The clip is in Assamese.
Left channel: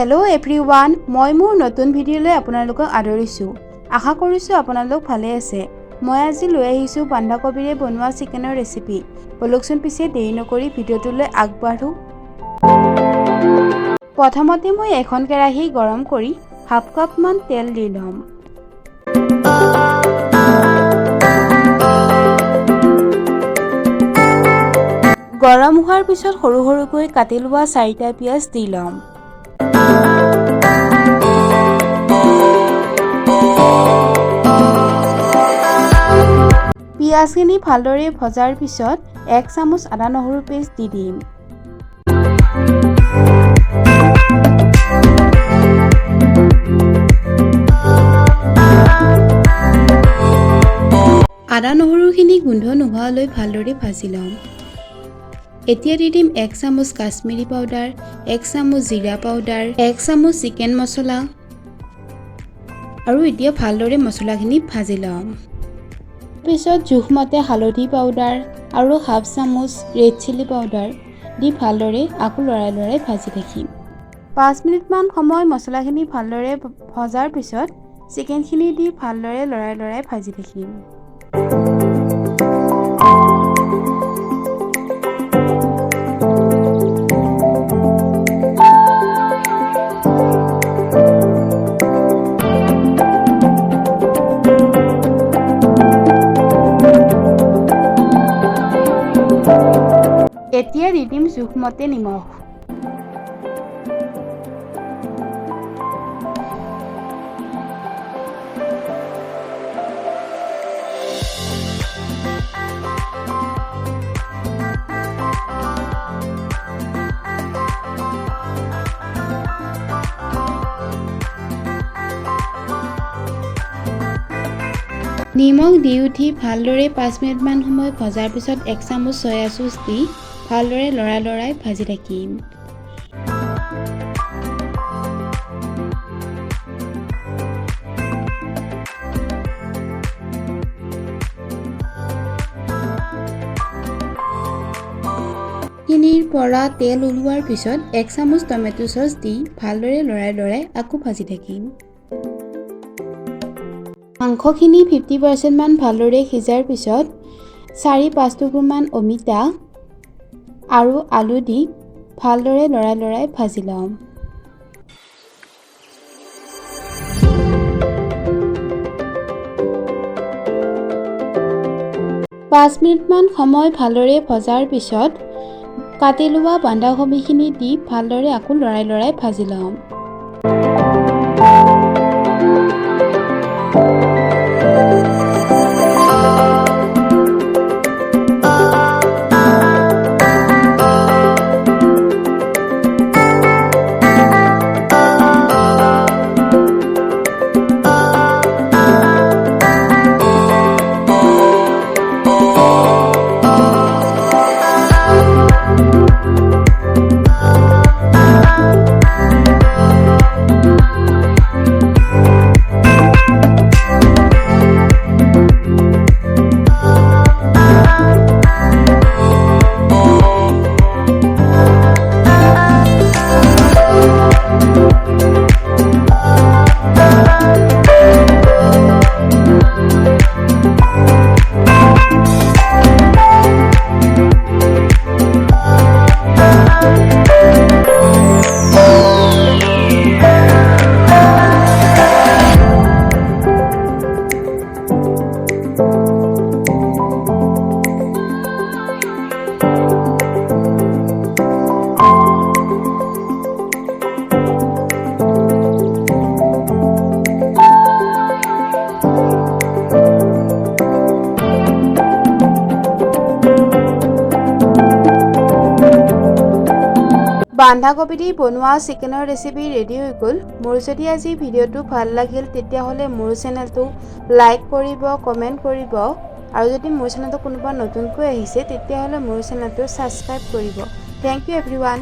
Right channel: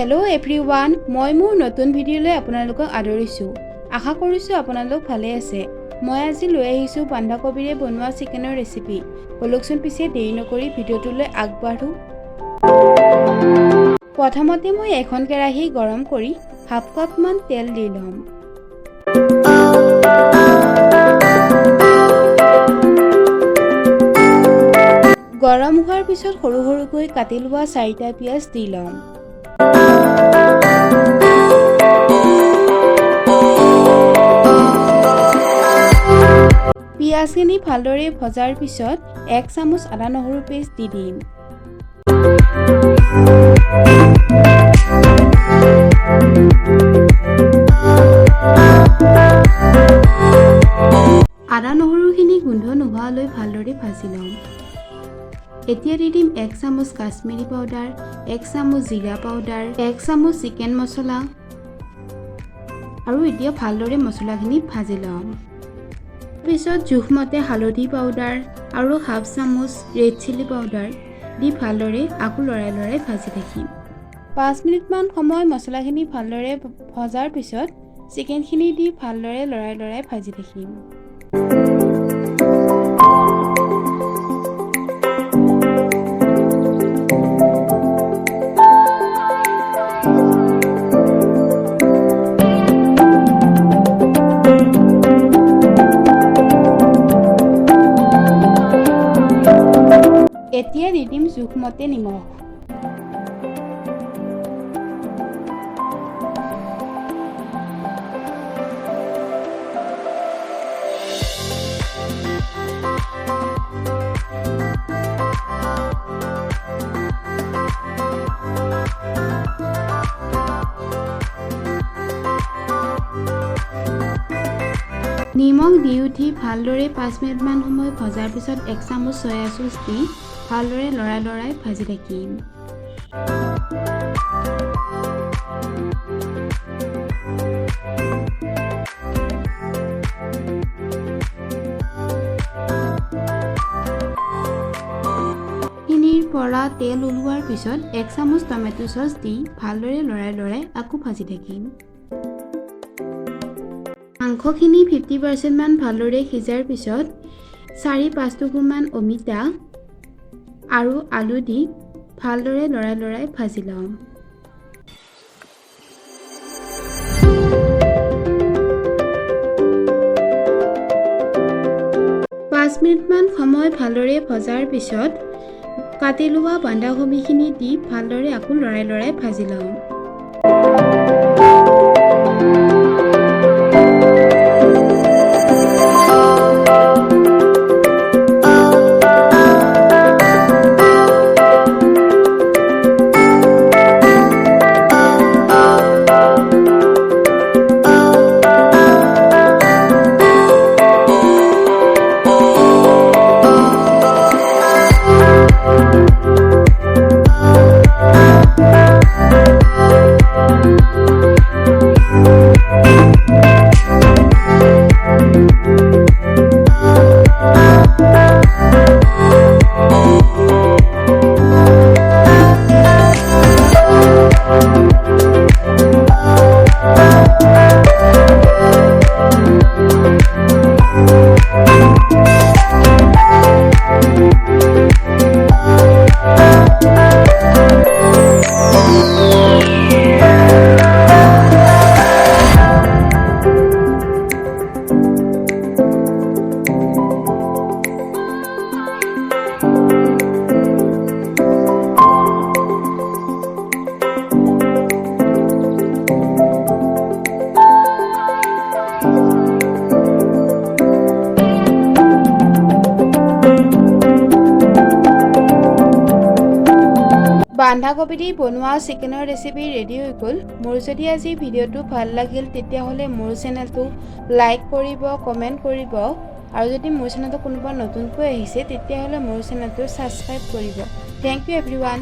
हेलो एभ्रिवान মই মোৰ নতুন ভিডিঅ'লৈ আপোনালোকক আদৰিছো আশা কৰিছো আপোনালোক ভালে আছে মই আজি লৈ আহিছো বন্ধাকবিৰে বনোৱা চিকেনৰ ৰেচিপি বলকচোন পিছে দেৰি নকৰি ভিডিঅ'টোলৈ আগবাঢ়ো প্ৰথমতে মই এখন কেৰাহী গৰম কৰি হাফ কাপ মান তেল দি লম গৰম হোৱাৰ পিছত সৰু সৰুকৈ কাটি লোৱা 4টা পিয়াজ দি লম পিয়াজখিনি ভালদৰে ভজাৰ পিছত 1 চামুচ আদা নহৰু পেষ্ট দি দিম আদা নহৰুখিনি গোন্ধ নোহোৱালৈ ভালদৰে ভাজি লম এতিয়া দি দিম 1 চামুচ কাশ্মীৰী পাউডাৰ 1 চামুচ জিৰা পাউডাৰ 1 চামুচ চিকেন মছলা আৰু এতিয়া ভালদৰে মছলাখিনি ভাজি লম পিছত জোখমতে হালধি পাউডাৰ আৰু হাফ চামুচ ৰেড চিলি পাউডাৰ দি ভালদৰে আকৌ লৰাই ভাজি থাকিম 5 মিনিট মান সময় মছলাখিনি ভালদৰে ভজাৰ পিছত চিকেনখিনি দি ভালদৰে লৰাই ভাজি থাকিম এতিয়া দি দিম জোখমতে নিমখ নিমখ দি উঠি ভালদৰে 5 মিনিট মান সময় ভজাৰ পিছত 1 চামুচ সয়া সস দি ভালদৰে লৰাই ভাজি থাকিম খিনিৰ পৰা তেল ওলোৱাৰ পিছত 1 চামুচ টমেটো সস দি ভালদৰে লৰাই আকৌ ভাজি থাকিম মাংসখিনি 50% মান ভালদৰে সিজাৰ পিছত 4-5 টুকুৰমান অমিতা আৰু আলু দি ভালদৰে লৰাই ভাজি লম পাঁচ মিনিট মান সময় ভালদৰে ভজাৰ পিছত কাটি লোৱা বন্ধাকবিখিনি দি ভালদৰে আকৌ লৰাই ভাজি লম বন্ধাকবি দি বনোৱা চিকেনৰ ৰেচিপি ৰেডি হৈ গ'ল মোৰ যদি আজি ভিডিঅ'টো ভাল লাগিল তেতিয়াহ'লে মোৰ চেনেলটো লাইক কৰিব কমেন্ট কৰিব আৰু যদি মোৰ চেনেলটো কোনোবা নতুনকৈ আহিছে তেতিয়াহ'লে মোৰ চেনেলটো সাবস্ক্ৰাইব কৰিব থ্যাংক ইউ এভৰিৱান